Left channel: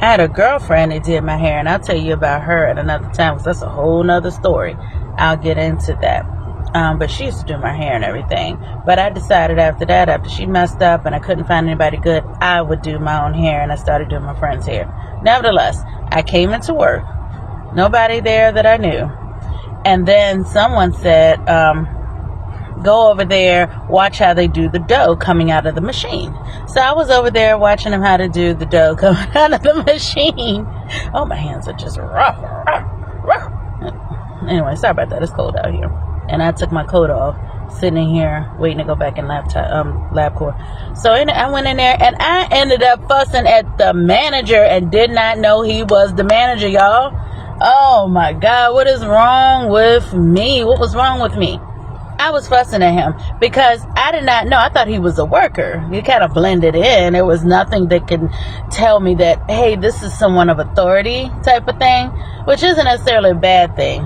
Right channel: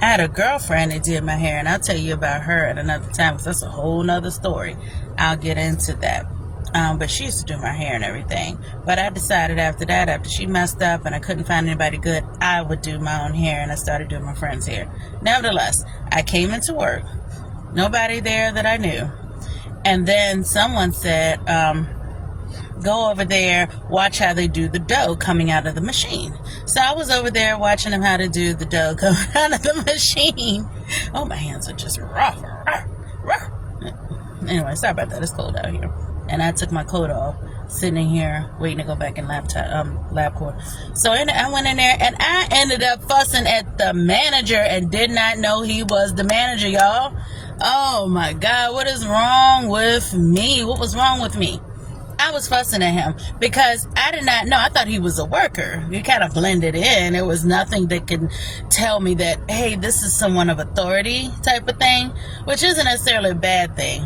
I had a girlfriend that did my hair, and I'll tell you about her at another time because that's a whole nother story. I'll get into that. But she used to do my hair and everything. But I decided after that, after she messed up and I couldn't find anybody good, I would do my own hair, and I started doing my friend's hair. Nevertheless, I came into work. Nobody there that I knew. And then someone said, go over there, watch how they do the dough coming out of the machine. So I was over there watching them how to do the dough coming out of the machine. Oh, my hands are just rough. Anyway, sorry about that. It's cold out here. And I took my coat off, sitting here waiting to go back in LabCorp. So I went in there, and I ended up fussing at the manager and did not know he was the manager, y'all. Oh, my God. What is wrong with me? What was wrong with me? I was fussing at him because I did not know. I thought he was a worker. He kind of blended in. There was nothing that could tell me that, hey, this is someone of authority type of thing, which isn't necessarily a bad thing.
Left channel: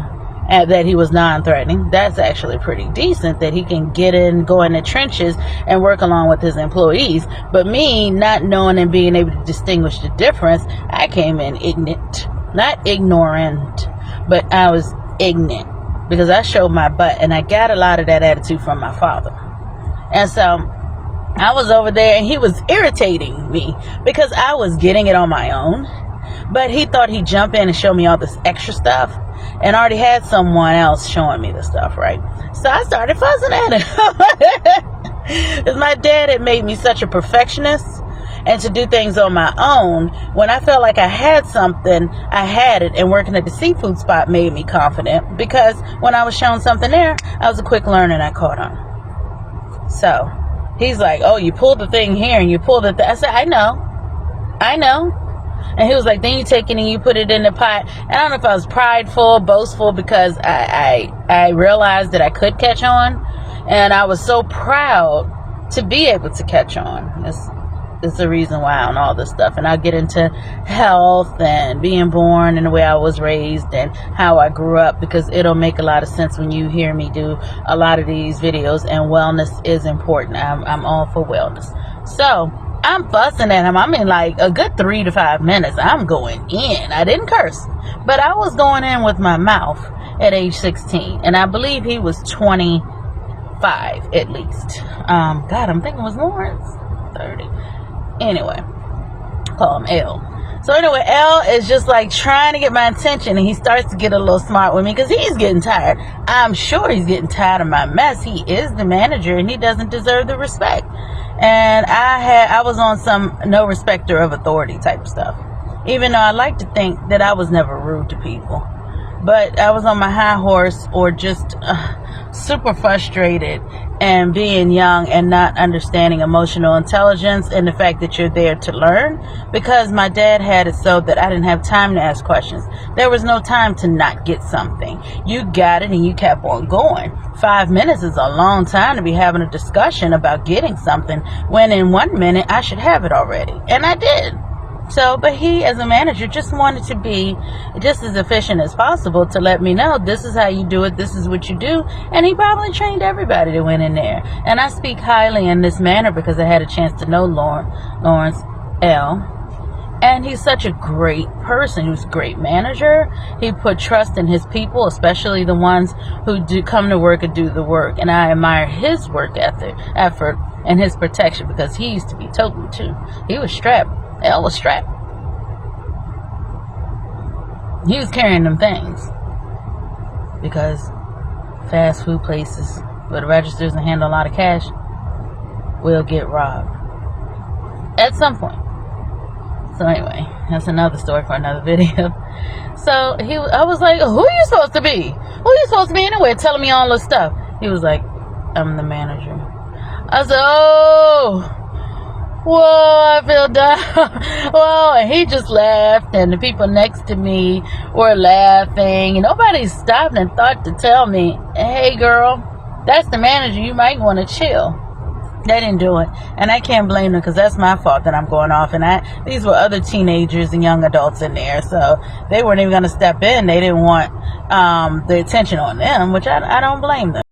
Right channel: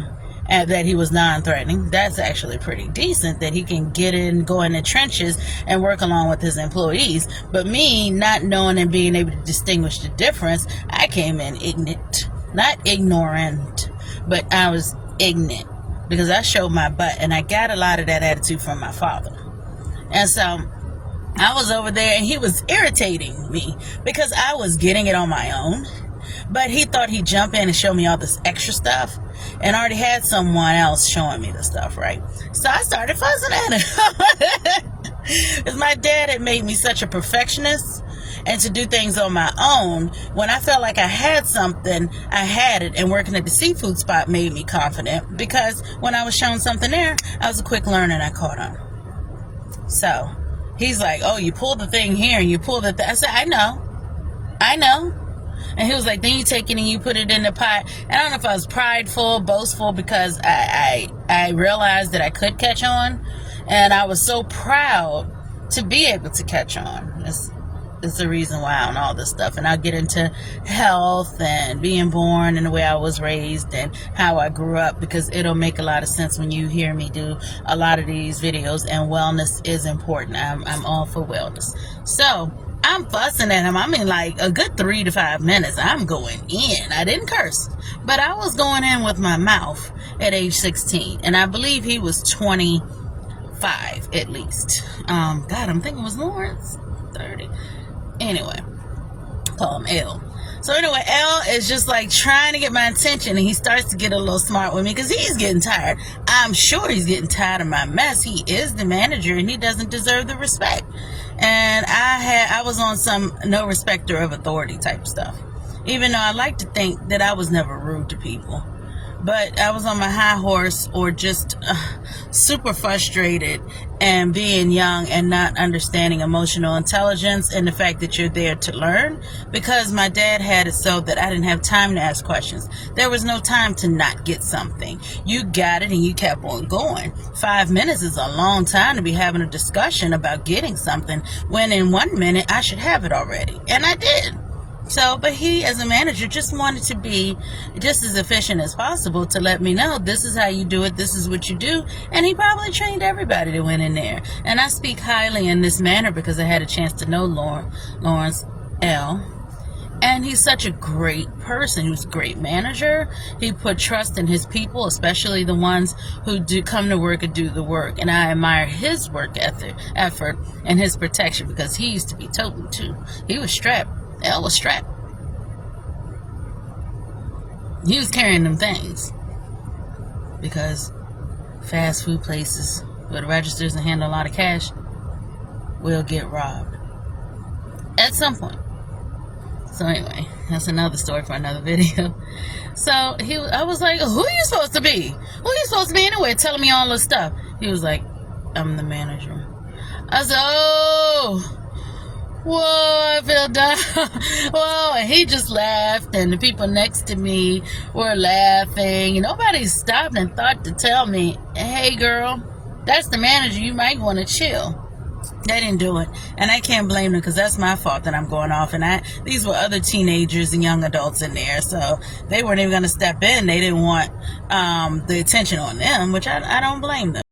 And that he was non-threatening. That's actually pretty decent that he can get in, go in the trenches and work along with his employees. But me not knowing and being able to distinguish the difference, I came in ignorant. Not ignorant, but I was ignorant because I showed my butt, and I got a lot of that attitude from my father. And so I was over there, and he was irritating me because I was getting it on my own. But he thought he'd jump in and show me all this extra stuff, and already had someone else showing me the stuff, right? So I started fussing at him. Because my dad had made me such a perfectionist, and to do things on my own. When I felt like I had something, I had it, and working at the seafood spot made me confident, because when I was shown something there, I was a quick learner and I caught on. So he's like, oh, you pulled the thing here and you pulled it there. I said, I know. And he was like, then you take it and you put it in the pot. And I don't know if I was prideful, boastful, because I realized that I could catch on. And I was so proud to be able to catch on. It's the reason why on all this stuff. And I'll get into health and being born and the way I was raised and how I grew up, because it'll make a lot of sense when you hear me do a lot of these videos. And wellness is important. I'm all for wellness. So I'm fussing at him. I mean, like a good 3 to 5 minutes. I'm going in. I didn't curse, but I was going in with my mouth at age 16. And I believe he was 25 at least. God, I'm thinking it was Lawrence. 30. Anyway, call him L. So anyway, L is just like trying to get my attention, and he starts to get a little smart with me because he's getting tired. I'm sure he's getting tired of my mess. He is the manager, and he doesn't deserve the respect. And I was on some no respecter of authority type stuff, even though I like to think that I was never rude to people. But I was on my high horse, or just super frustrated, and being young and not understanding emotional intelligence and the fact that you're there to learn, because my dad had it so that I didn't have time to ask questions. There was no time to not get something. You got it and you kept on going. 5 minutes is a long time to be having a discussion about getting something, when in 1 minute I should have it already. And I did. So, but he, as a manager, just wanted to be just as efficient as possible to let me know, this is how you do it, this is what you do. And he probably trained everybody that went in there. And I speak highly in this manner because I had a chance to know Lawrence L. And he's such a great person. He was a great manager. He put trust in his people, especially the ones who do come to work and do the work. And I admire his work effort, and his protection, because he used to be toting too. He was strapped. L was strapped. He was carrying them things, because fast food places where the registers and handle a lot of cash will get robbed at some point. So anyway, that's another story for another video. So I was like, who are you supposed to be? Who are you supposed to be anyway, telling me all this stuff? He was like, I'm the manager. I said, oh, whoa, I feel down. Whoa, and he just laughed, and the people next to me were laughing. Nobody stopped and thought to tell me, hey girl, that's the manager, you might want to chill. They didn't do it, and I can't blame them, because that's my fault that I'm going off. And these were other teenagers and young adults in there, so they weren't even going to step in. They didn't want the attention on them, which I don't blame them.